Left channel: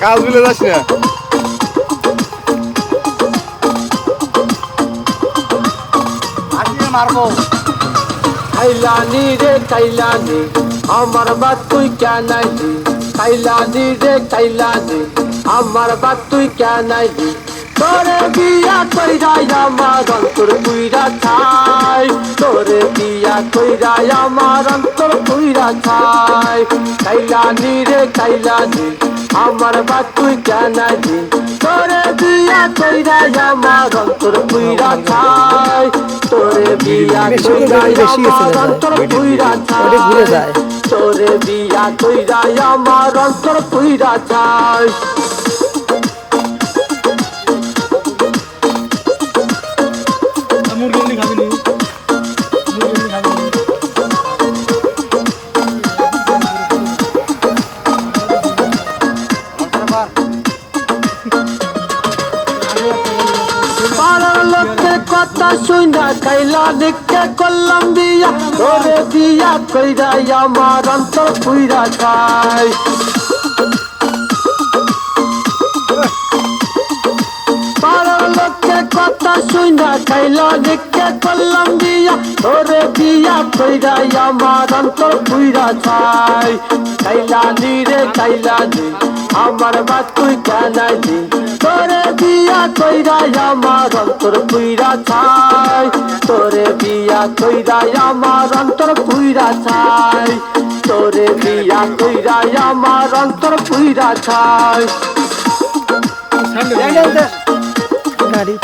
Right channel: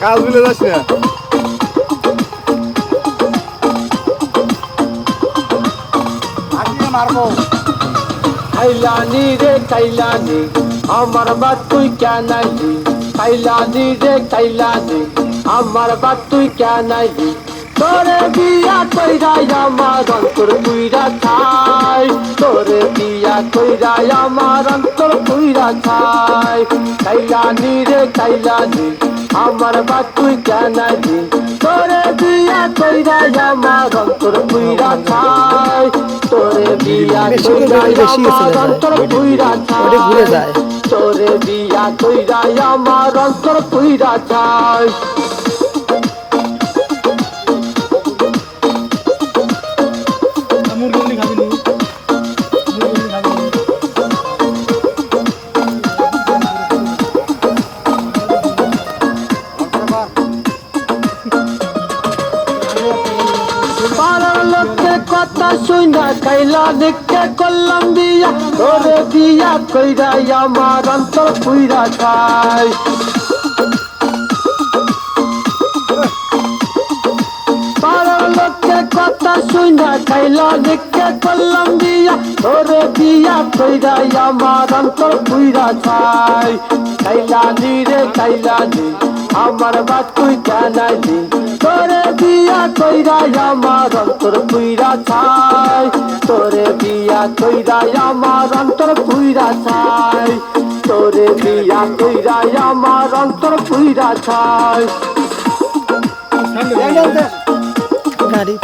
কাজ ভুলে যাস না। মারবো কাইলানি রে কাইলানি আমার বাত তুই কেন আইলি কাইলানি রে কাইলানি আমার বাত তুই কেন আইলি তোরে বিয়া কইরা আমার অন্তর পুইরা খাই তোরে বিয়া কইরা আমার অন্তর পুইরা খাই কাইলানি রে কাইলানি আমার বাত তুই কেন আইলি তোরে বিয়া কইরা আমার অন্তর পুইরা খাই তোরে বিয়া কইরা আমার অন্তর পুইরা খাই ঘুরে যায় তোরে বিয়া কইরা আমার অন্তর পুইরা খাই কথা শুনা কাইলা দেখতে করলাম দিয়া তোরে বিয়া কইরা আমার অন্তর পুইরা খাই লোককে কথা শুনা কাইলা দেখতে করলাম দিয়া তোরে বিয়া কইরা আমার অন্তর পুইরা খাই কাইলানি রে কাইলানি আমার বাত তুই কেন আইলি তোরে বিয়া কইরা আমার অন্তর পুইরা খাই তোরে বিয়া কইরা আমার অন্তর পুইরা খাই তোরে বিয়া কইরা আমার অন্তর পুইরা খাই গাড়ি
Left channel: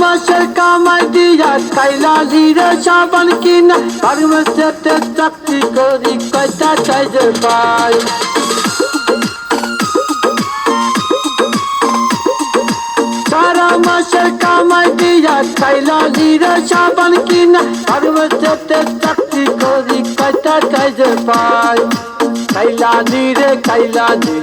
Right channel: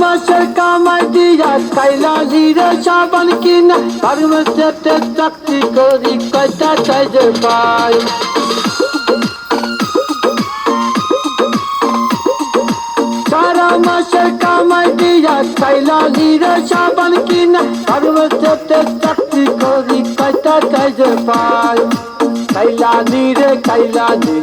মাসের কামাই দিয়া কাইলা জিরে সাবান কিনা ফার্মেসিতে চাকরি করি কয়টা চাইজে পাই সারা মাসের কামাই দিয়া কাইলা জিরে সাবান কিনা ফার্মেসিতে চাকরি করি কয়টা চাইজে পাই কাইলানি রে কাইলানি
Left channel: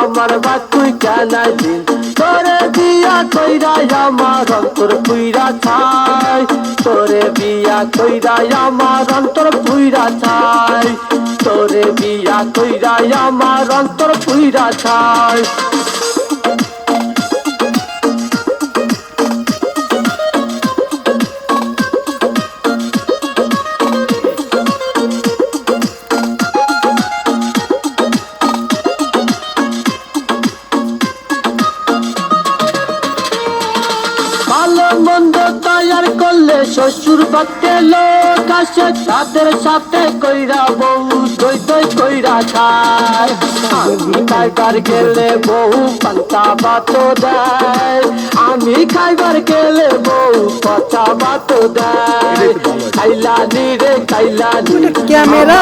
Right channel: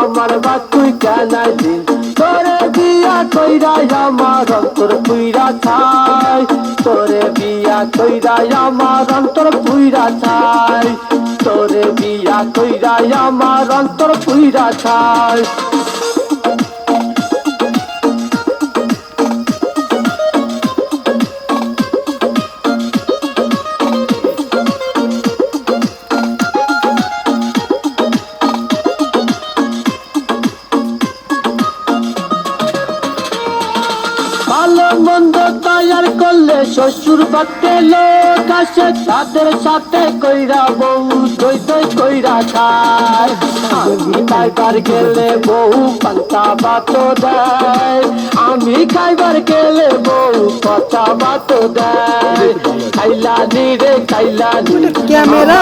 আমার বাত তুই কেন আইলি তোরে বিয়া কইরা আমার অন্তর পুইরা খাই তোরে বিয়া কইরা আমার অন্তর পুইরা খাই তোরে বিয়া কইরা আমার অন্তর পুইরা খাই মন্দ তৈয়ার করলে শ্বশুর বাড়তে লোক আসে তাদের সাথে কইরা বউ দই দই কইরা খায় আমি খাইবার গেলে বউ পান্তা ভাত দেয় আমি খাইবার গেলে বউ পচা ভাত দেয় খাইলানি রে খাইলানি ক্যামেরা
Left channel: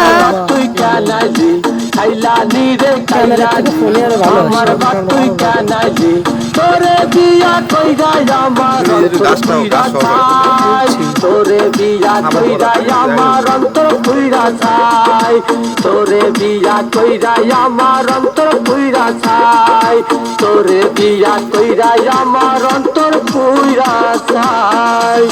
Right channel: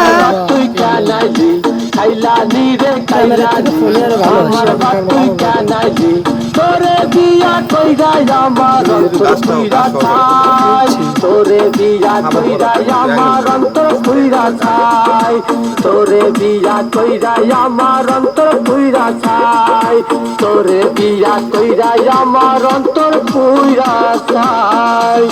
তুই কেন আইলি খাইলানি রে ক্যামেরা থেকে ফোনে আরো ভালো আসে তুই কেন আইলি তোরে বিয়া কইরা আমার অন্তর পুইরা খাই তোরে বিয়া কইরা আমার অন্তর পুইরা খাই তোরে বিয়া কইরা আমার অন্তর পুইরা খাই তোরে বিয়া কইরা আমার অন্তর পুইরা খাই